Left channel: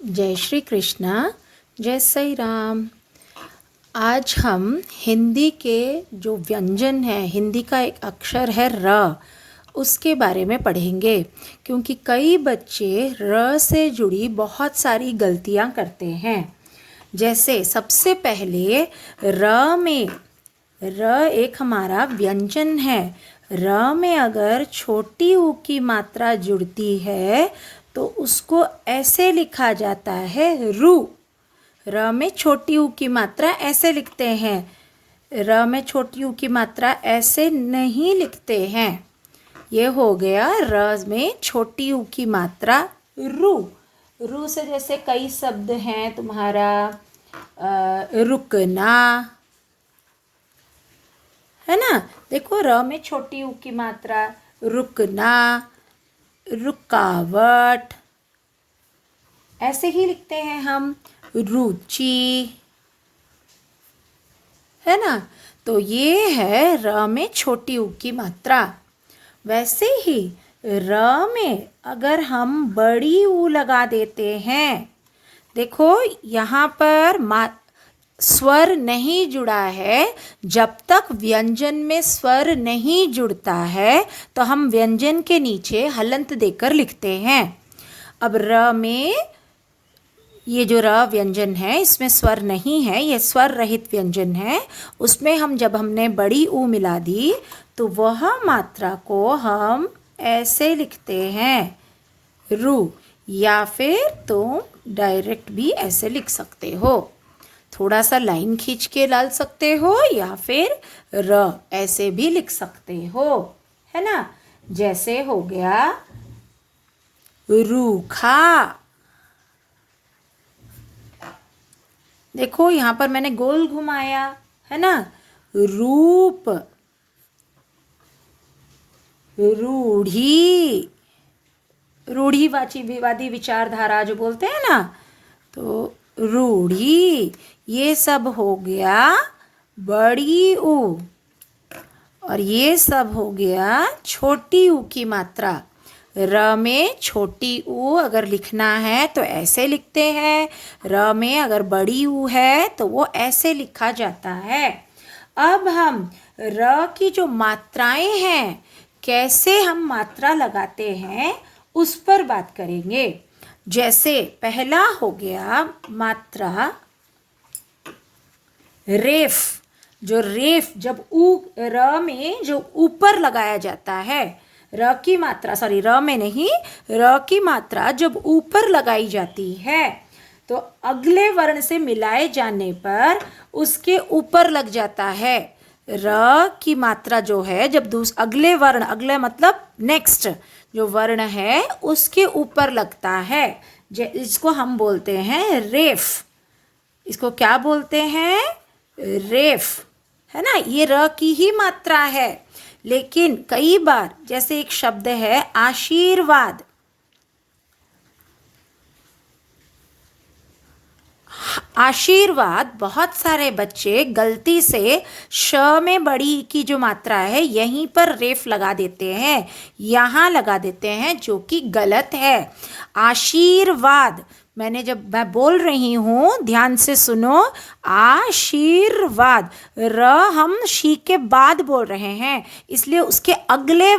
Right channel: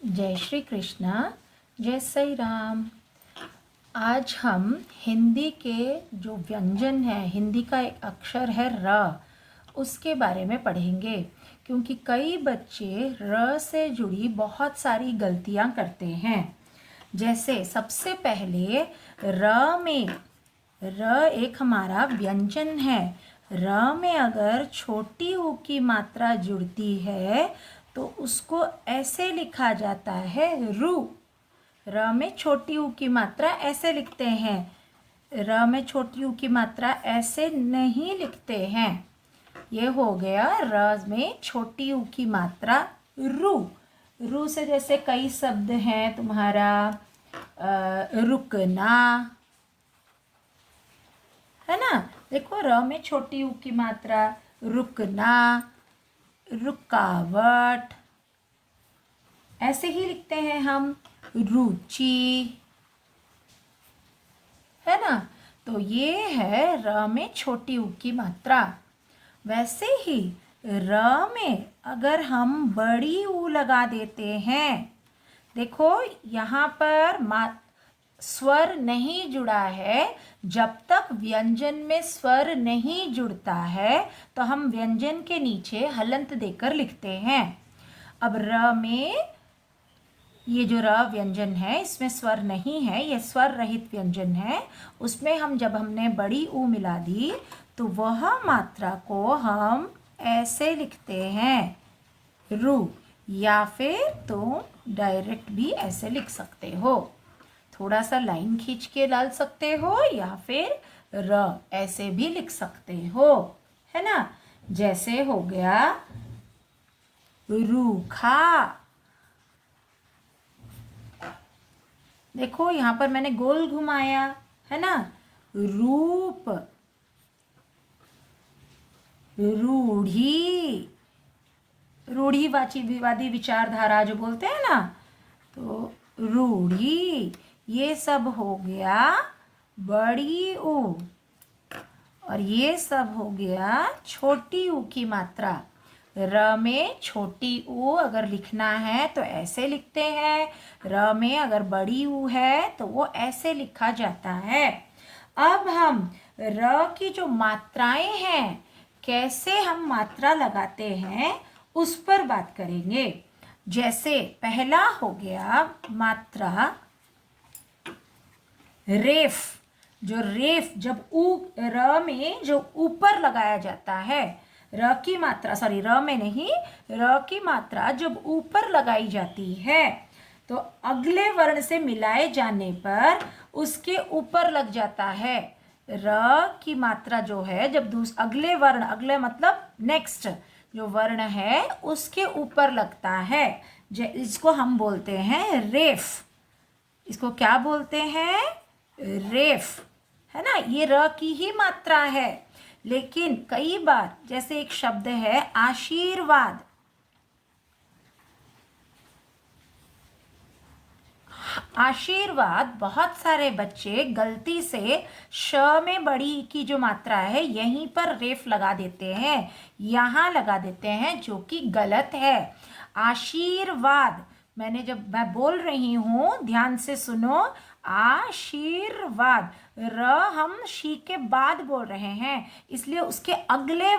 जय श्री कृष्णा। जय साई राम। आज हम हिंदी के जो व्यंजन है, हिंदी का एक अक्षर है र, उसके बारे में पढ़ेंगे। क्योंकि कई बच्चे र से जुड़ी बहुत सारी गलतियां करते हैं। जैसे सबसे पहले र में, र एक हमारा व्यंजन है। र में अगर छोटी ऊ की मात्रा जुड़ती है तो उसको ऐसे लिखा जाता है रू। र में छोटी ऊ की मात्रा ऐसे लिखते हैं। र में छोटी ऊ की मात्रा ऐसे नहीं लिखते हैं। ये हो गया र में छोटी ऊ की मात्रा रू। रू से जैसे कई शब्द हैं तुम्हारा, रुकना, है ना। देखो र में छोटी ऊ की मात्रा, रुकना, रुकावट, ऐसे ही लिखते हैं हम। रुचि, है ना। तो ये है र में छोटी ऊ की मात्रा। वैसे ही र में अगर हम बड़ी ऊ लगा देते हैं, देखो यहाँ पर स्वर नहीं जुड़ा है। जब तक व्यंजन में स्वर नहीं जुड़ता है तो हम व्यंजन के नीचे हलंत देकर लिखते हैं। अब र में ये जो र व्यंजन है इसमें स्वर नहीं है, ये स्वर रहित व्यंजन है। उसमें हम जब हमने बड़ी ऊ मिला दी तो वह मात्रा को हम ऐसे लिखते हैं रू, या फिर तुम डायरेक्ट भी ऐसे लिख सकते हो। थोड़ा सा लाइन खींच के डाल सकते हो या फिर र ऐसे भी लिख सकते हो, है ना। जैसे हो गया रूखा। देखो यहाँ पर मैंने गोल घुमाया, है ना। रूप, रूढ़ी, रूढ़ीवाची विवादी विचारधारा जो बोलते हैं ना, तो रूढ़ी। ये सब हो गया बड़ी ऊ, और ये सब हो गया छोटी ऊ की मात्रा। र में छोटी ऊ अगर लिखना है तो ऐसे लिखते हैं। र में अगर बड़ी ऊ है तो वो ऐसे लिखा जाता है। अब हम र की जो मात्राएं हैं, कैसे हम मात्रा लगाते हैं उस पर बात करेंगे। जैसे पहला हो गया मात्रा रेफ। जो रेफ जब ऊ र में जो ऊपर लगाया जाता है, र की मात्रा, सॉरी र में नहीं, र की मात्रा जब ऊपर लगाई जाती है तो अगले वर्ण से मिलाए जाने पर उसके ऊपर लग जाता है। र की मात्रा जो है जब अगले वर्ण, अगले मतलब नेक्स्ट जो वर्ण है उसके ऊपर लगता है, इसको हम बोलते हैं रेफ। इसको क्या बोलते हैं? रेफ, है ना। ये र की ही मात्रा है। लेकिन कई बार जैसे एक शब्द है आशीर्वाद, आशीर्वाद, बहुत सारे बच्चे गलती से श में बड़ी की जो मात्रा है यहीं पर रेफ लगा देते हैं, यहाँ लगा देते हैं, जो कि गलत है। आशीर्वाद, मैं बोल रही हूँ ध्यान से सुनो, आशीर्वाद। र हम शी के बाद बोल रहे हैं, इसलिए उसके अगले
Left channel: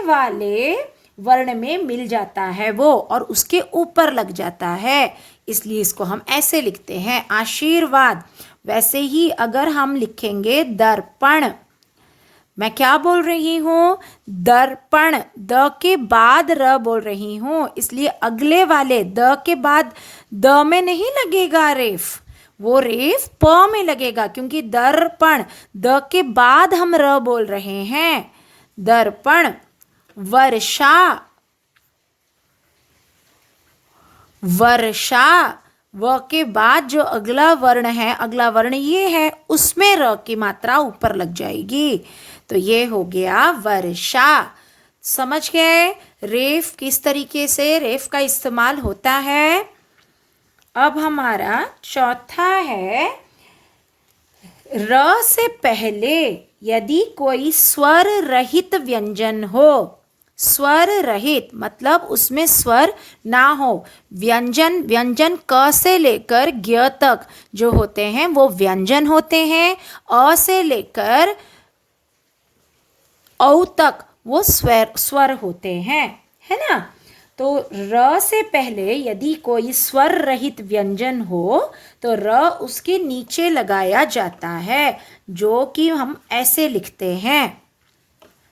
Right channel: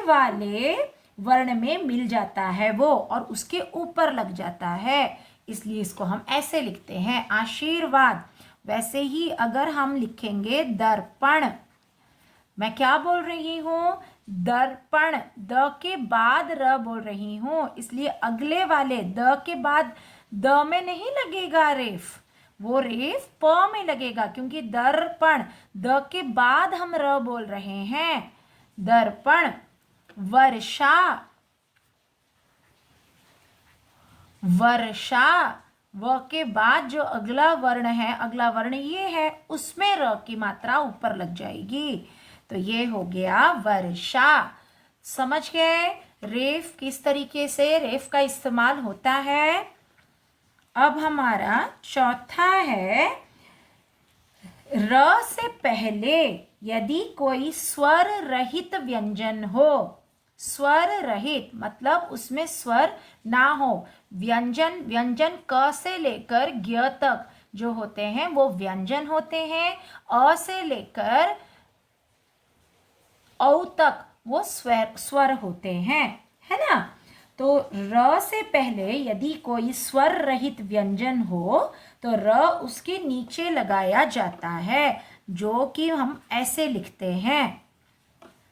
वाले वर्ण में मिल जाता है वो, और उसके ऊपर लग जाता है, इसलिए इसको हम ऐसे लिखते हैं आशीर्वाद। वैसे ही अगर हम लिखेंगे दर्पण, मैं क्या बोल रही हूँ? दर्पण, द के बाद र बोल रही हूँ, इसलिए अगले वाले द के बाद द में नहीं लगेगा रेफ, वो रेफ प में लगेगा, क्योंकि दर्पण द के बाद हम र बोल रहे हैं। दर्पण। वर्षा, वर्षा, व के बाद जो अगला वर्ण है, अगला वर्ण ये है, उसमें र की मात्रा ऊपर लग जाएगी, तो ये हो गया वर्षा। समझ गए रेफ किस तरीके से रेफ का इस्तेमाल होता है। अब हमारा चौथा है, र से पहले यदि कोई स्वर रहित व्यंजन हो, स्वर रहित मतलब उसमें स्वर ना हो। व्यंजन व्यंजन क से लेकर ज्ञ तक जो होते हैं वो व्यंजन होते हैं। अ से लेकर औ तक वो स्वर होते हैं, है ना। तो र से पहले यदि कोई स्वर रहित व्यंजन हो तो र उसके नीचे लगाया जाता है, जो कि हम ऐसे लिखते हैं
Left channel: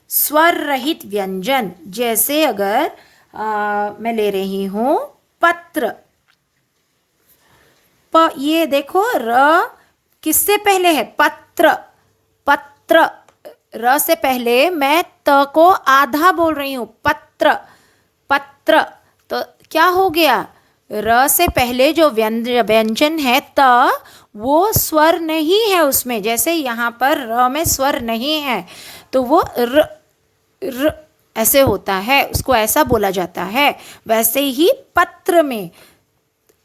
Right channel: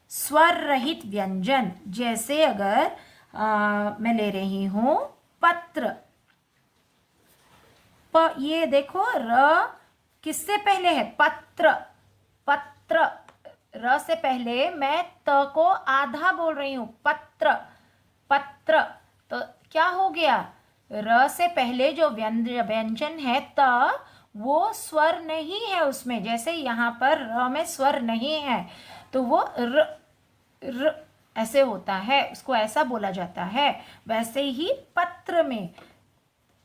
स्वर रहित व्यंजन। जैसे अगर मैं ले रही हूं पत्र, ये देखो र किससे पहले है, पत्र। पत्र र से पहले मैं त को आधा बोल रही हूं, पत्र पत्र। तो क्या हो गया, र से पहले जो व्यंजन है त, वो स्वर नहीं है उसमें। जैसे यहाँ पर र में स्वर नहीं है तो वो र ऐसे होता है, उसको ऐसा बोला जाता है। वैसे ही पत्र में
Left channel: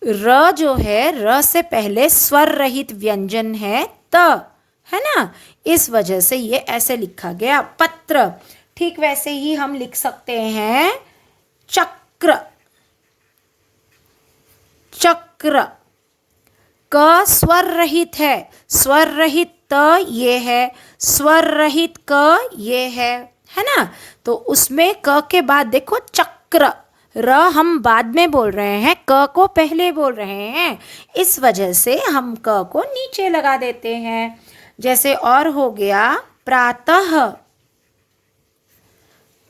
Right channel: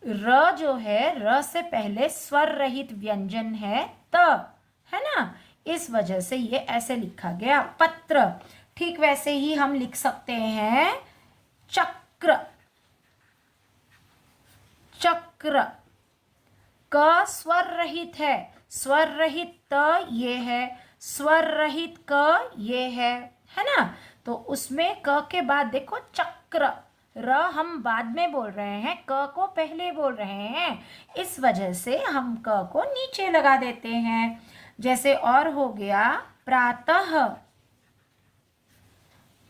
र जो है, र से पहले स्वर रहित व्यंजन है त, है ना। इस वजह से ये ऐसे लिखा गया पत्र। ठीक वैसे ही हम लिख सकते हैं चक्र। चक्र क स्वर रहित है, स्वर रहित त ये है, स्वर रहित क ये है ना। तो उसमें क के बाद देखो चक्र, र हम बाद में बोल रहे हैं, क को पहले बोल रहे हैं, इस वजह से हम क को नीचे लगा देते हैं। जैसे और हो गया प्रातः।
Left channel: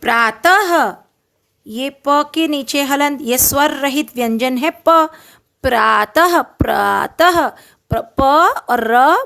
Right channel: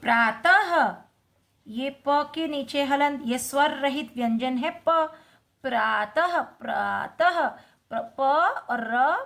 प्रातः ये प के नीचे हलंत, ये स्वर रहित व्यंजन है प। प्रातः प्रातः प और र,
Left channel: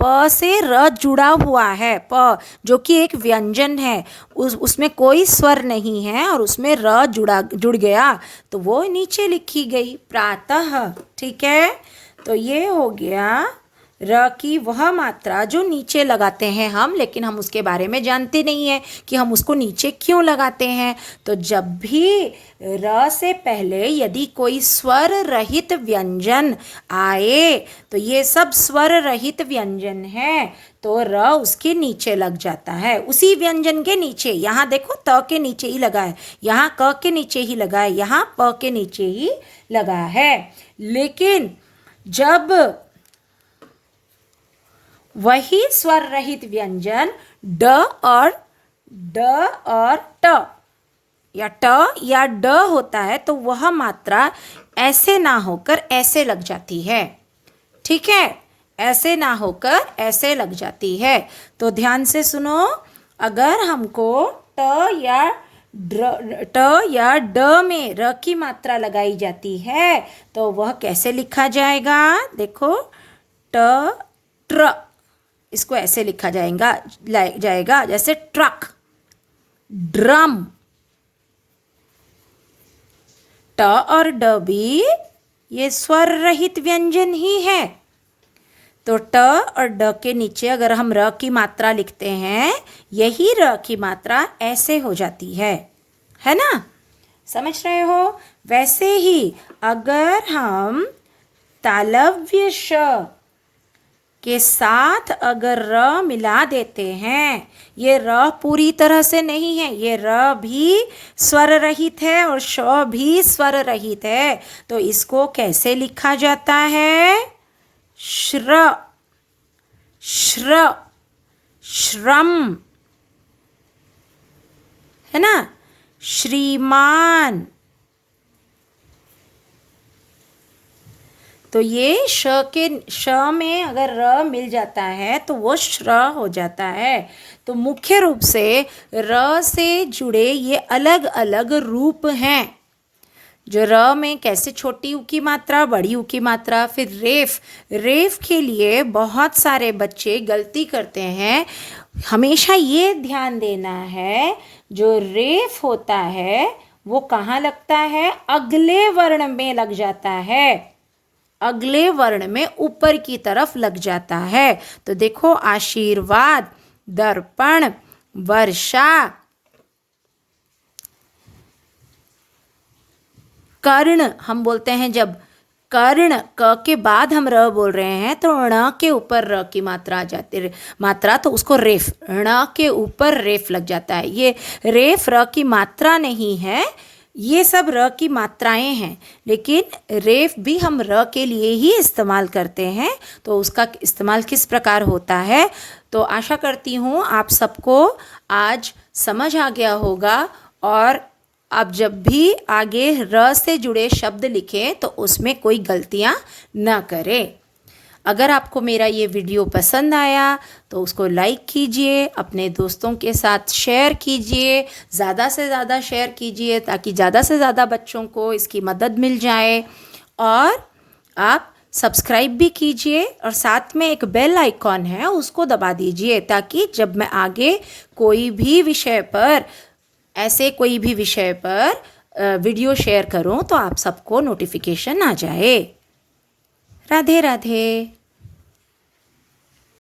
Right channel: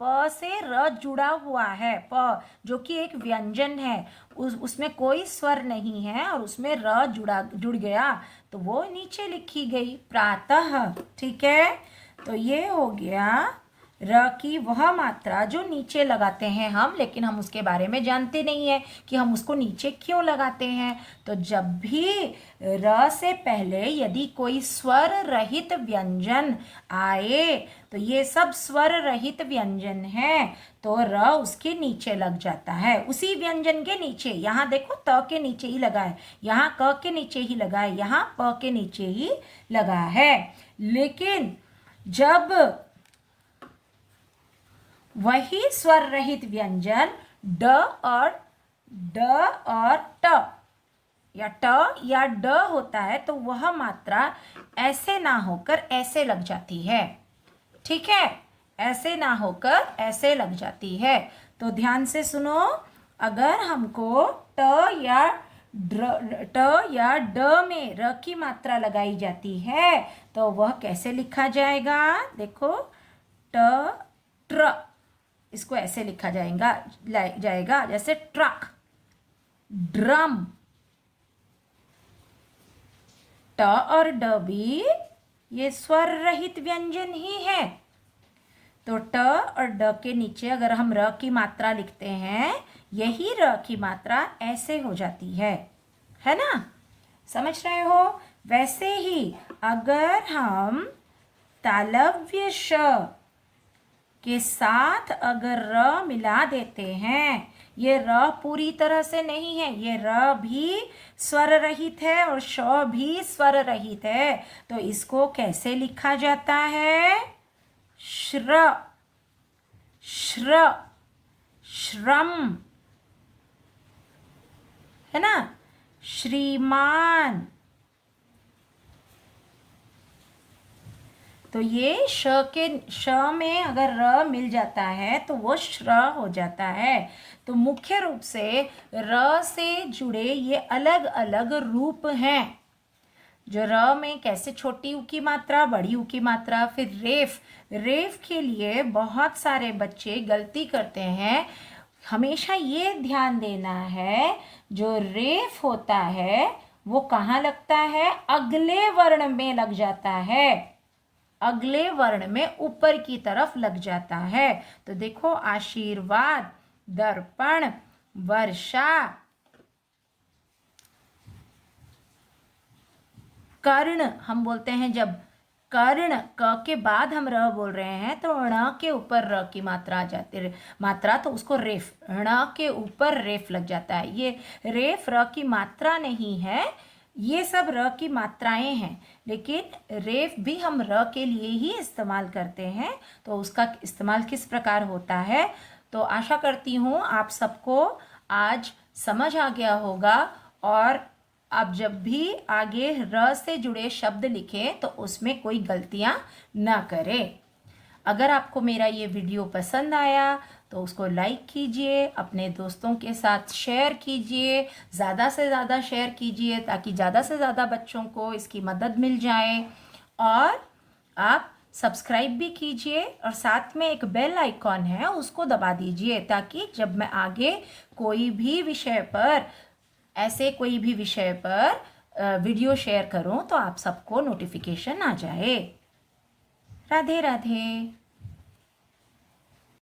प से र जुड़ा हुआ है, प जो कि एक व्यंजन है, उसमें कोई स्वर नहीं है और उसमें र जुड़ गया तो वो नीचे लिखी गई प्रातः। ठीक है, तो ये हो गया र की वह मात्रा जो नीचे लगाते हैं हम, लेकिन हम उसके बारे में जानते नहीं है कि हम उसको नीचे क्यों लगाते हैं। तो जब भी र से पहले यदि कोई स्वर रहित व्यंजन आए तो ये सब स्वर रहित व्यंजन है, तो र उसके नीचे लग जाता है, उसी व्यंजन के नीचे। यहाँ देखो त के नीचे ही लगा है, यहाँ क के नीचे ही लगा है, यहाँ प के नीचे ही लगा है। लेकिन जब वही स्वर रहित व्यंजन ड और ट या ड होता है तो वह मात्रा ऐसे ना होकर ऐसे लग जाती है। ठीक है, ऐसे ना होकर ऐसे लग जाती है। तो ध्यान से सुनो, अगर हमको ट या ड में र की मात्रा लगाई जाती है तो वह कैसे लिखा जाएगा। देखो ट्र, इसको ऐसे लिखा जाएगा जैसे ट्रक, ड्रम। ट और ड भी ये स्वर रहित व्यंजन ही है। तो ट और ड के नीचे अगर हम र की मात्रा लिखते हैं, यही र की मात्रा ऐसे हो जाती है ना। समझ रहे हो। वैसे ही अगर हम तालव्य श के साथ अगर र मिला देते हैं, ये र पूरी तरह से नहीं है, ये र भी स्वर रहित है और श भी स्वर रहित है, तो इसको कैसे लिखा जाता है, श्र, श्र, श्रम, है ना, श्रीमान। तो ये श में अगर र मिल जाता है तो वो श्र हो जाता है। तो मुख्य रूप से र से जुड़े ये अलग अलग रूप हैं। जो र में कैसे छोटी ऊ की मात्रा, बड़ी ऊ की मात्रा, फिर रेफ के लिए बहुत सारे बच्चे गलती करते हैं। हमेशा ये ध्यान देना है, जो रेफ होता है वो कहाँ लगता है, अगले वर्ण में लग जाता है, अगले वर्ण में ऊपर की तरफ लग जाता है। तो देखो आशीर्वाद, दर्पण, वर्षा, कर्ण हम बोलते हैं जब कर्ण, क के बाद हम र बोल रहे हैं तो ण के ऊपर र की मात्रा आ जाती है, मात्रा, तो उसको रेफ, ण के ऊपर रेफ लग जाता है। ये रेफ र की मात्रा नहीं है, ये सब र की मात्राएं हैं, लेकिन रेफ भी हम र के लिए ही इस्तेमाल करते हैं। तो उसका इस्तेमाल किस प्रकार होता है, तो आशा करती हूँ आप सबको आज समझ आ गया होगा। और आप जब भी आगे र से जुड़े शब्द लिखें तो उसमें कोई गलतियाँ न करें। अगर आपको मेरा ये वीडियो पसंद आया तो उसको लाइक कीजिए, अपने दोस्तों के साथ शेयर कीजिए, ज़्यादा से ज़्यादा शेयर कीजिए ताकि ज़्यादा से ज़्यादा बच्चों को इसकी मदद मिल जाए। और आप सब्सक्राइब भी कीजिए और साथ में एक बेल आइकॉन है उसको दबा दीजिए, ताकि जब मैं आगे कोई भी विषय पर, ऐसे कोई भी विषय पर वीडियो शेयर करूं तो आप सबको नोटिफिकेशन आ जाए। राधे राधे।